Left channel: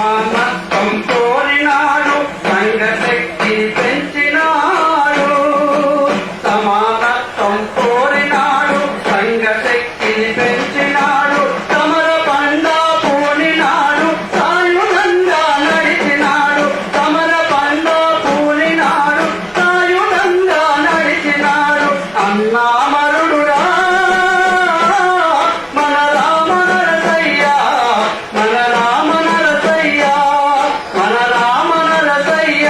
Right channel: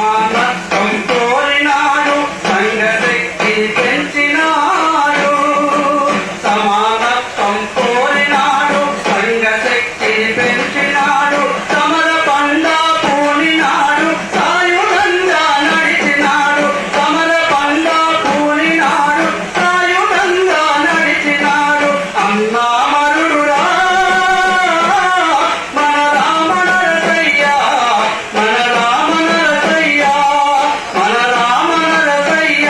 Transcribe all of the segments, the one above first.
సమానత్వం కోరినాడు సంఘశక్తి పెంచినాడు సమానత్వం కోరినాడు సంఘశక్తి పెంచినాడు సమర పండా పూనినాడు సాయుధంగా నడిచినాడు సమర పండా పూనినాడు సాయుధంగా నడిచినాడు అన్నామరుడురా మన రామ నరసయ్య మన రామ నరసయ్య మన రామ నరసయ్య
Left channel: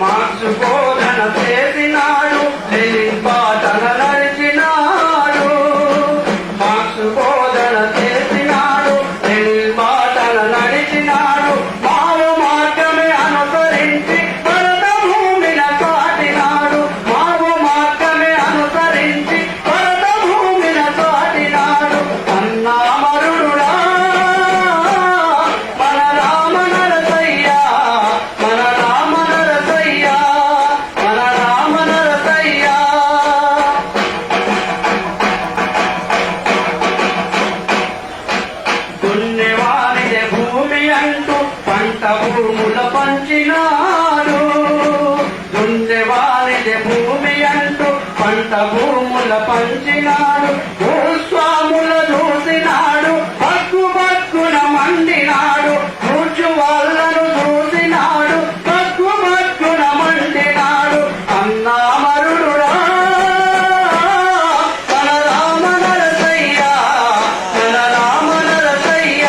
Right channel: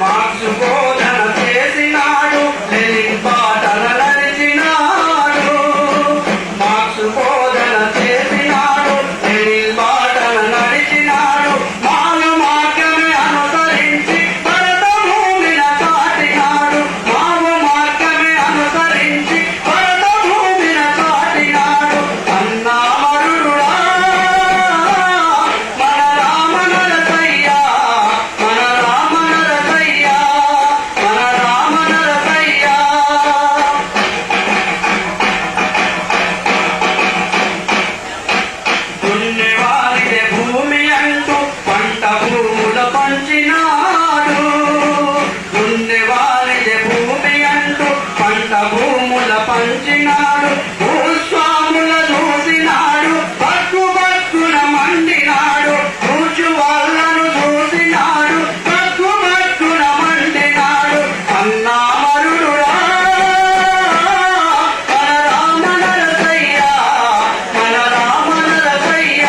మార్క్స్ బోధన చేసినాడు లెనిన్ బాటన నడిచినాడు మార్క్స్ బోధన చేసినాడు లెనిన్ బాటన నడిచినాడు మాల మార్గమే అనుసరించి భరత భూమిన కాటినాడు మావ మార్గమే అనుసరించి భరత భూమిన కాటినాడు అన్నామరుడురా మన రామ నరసయ్య మన రామ నరసయ్య మన రామ నరసయ్య పుణ్యవానిదే భూమి అంటూ పంట భూముల పంచినాడు పుణ్యవానిదే భూమి అంటూ పంట భూముల పంచినాడు భూస్వాముల చూసినాడు పక్కు పక్కున మండినాడు కూర్చు వాళ్ళను చూసినాడు పక్కు పక్కున మండినాడు అన్నామరుడురా మన రామ నరసయ్య మన రామ నరసయ్య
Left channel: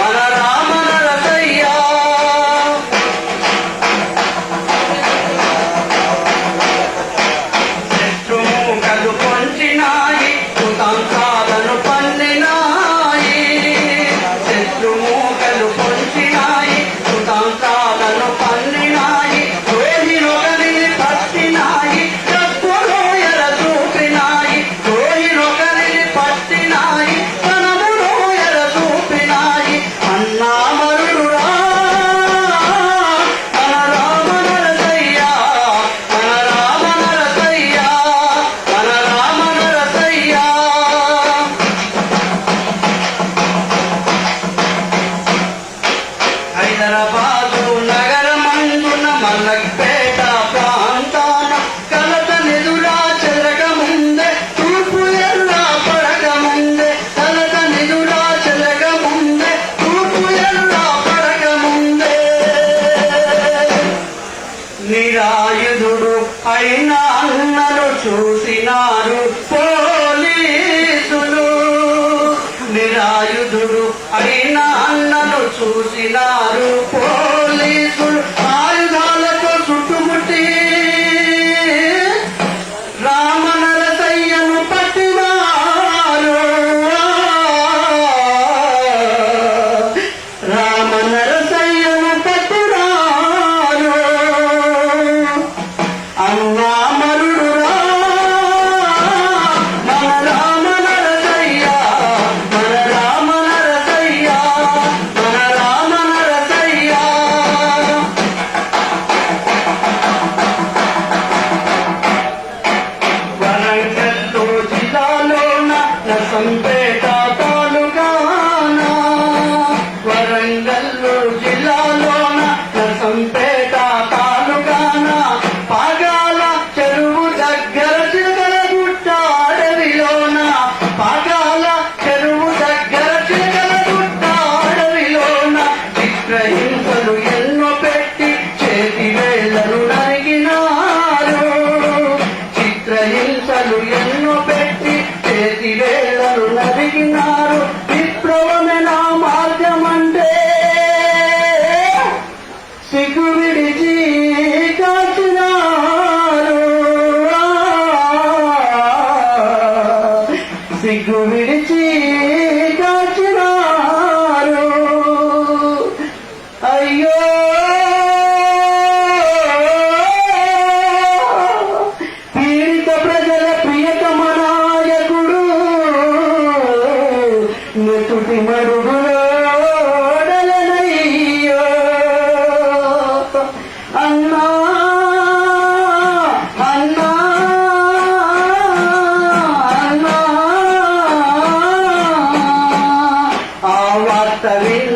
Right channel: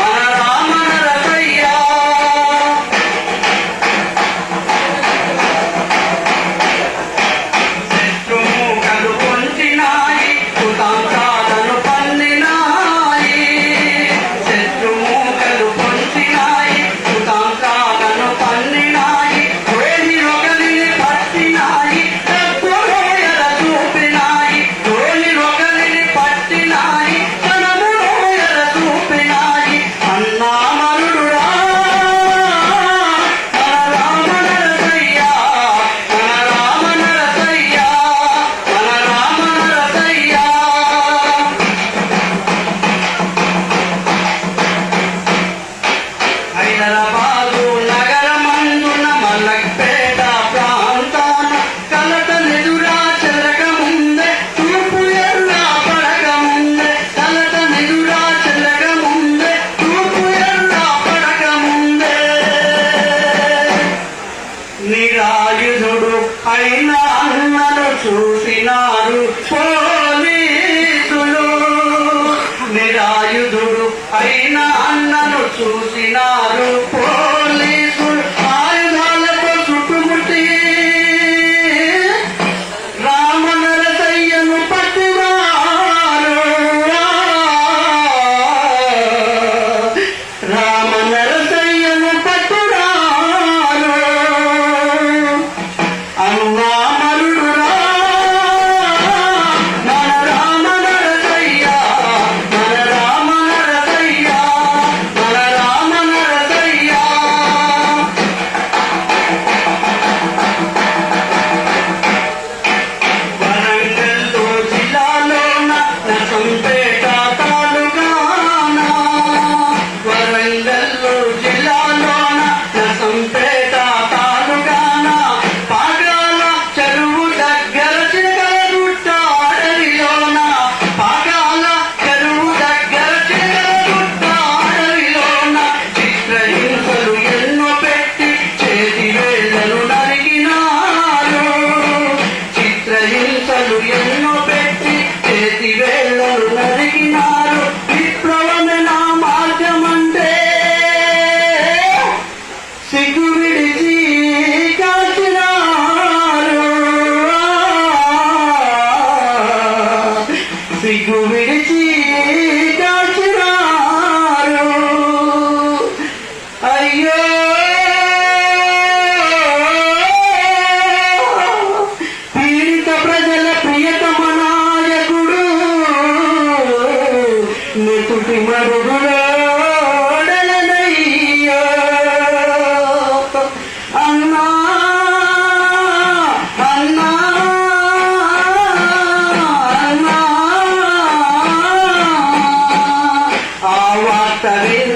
మన రామ నరసయ్య శత్రుమూకలు పొంచినాయి సుతాంతాలను పన్నినాయి శత్రుమూకలు పొంచినాయి సుతాంతాలను పన్నినాయి ద్రోహిరొకరిని పట్టినాయి శత్రులోయల చూపినాయి ద్రోహిరొకరిని పట్టినాయి తనములోయల చూపినాయి అన్నామరుడురా మన రామ నరసయ్య మన రామ నరసయ్య మన రామ నరసయ్య హైదరాబాదు నగరమందున మల్లక్పేట ప్రాంతాన కలత నిదురా చెరగముందే తూర్పు ఎర్రా పడకముందే కలత నిదురా చెరగముందే తూర్పు ఎర్రా పడకముందే నిరాయుధుడు అయిన అన్నలు చూసినారు పోలీసులు నిరాయుధుడు అయిన అన్నలు చూసినారు పోలీసులు ఆయుధాలతో చుట్టుముట్టి రామ నరసయ్యను పట్టినారు రామ నరసయ్యను పట్టినారు అన్నామరుడురా మన రామ నరసయ్య మన రామ నరసయ్య మన రామ నరసయ్య వరంగల్లు జిల్లాలోన నరసంపేట తాలూకాన వరంగల్లు జిల్లాలోన నరసంపేట తాలూకాన పాగాల చెరువు దగ్గర చిలకలగుట్ట అడవిలోన పాగాల చెరువు దగ్గర చిలకలగుట్ట అడవిలోన చిత్రహింసలు ఎన్నో పెట్టి చేతి వేళ్లను నరిగినారు చిత్రహింసలు ఎన్నో పెట్టి చేతి వేళ్లను నరిగినారు విప్లవమే నా మార్గమంటే సిగ్గు విడిచి కాచినారు సిగ్గు విడిచి కాచినారు అయ్యో పీడిత ప్రజల ప్రియతమ నాయకుడు నెతుటి మరుగులో అన్నా అన్నా అన్నా కవి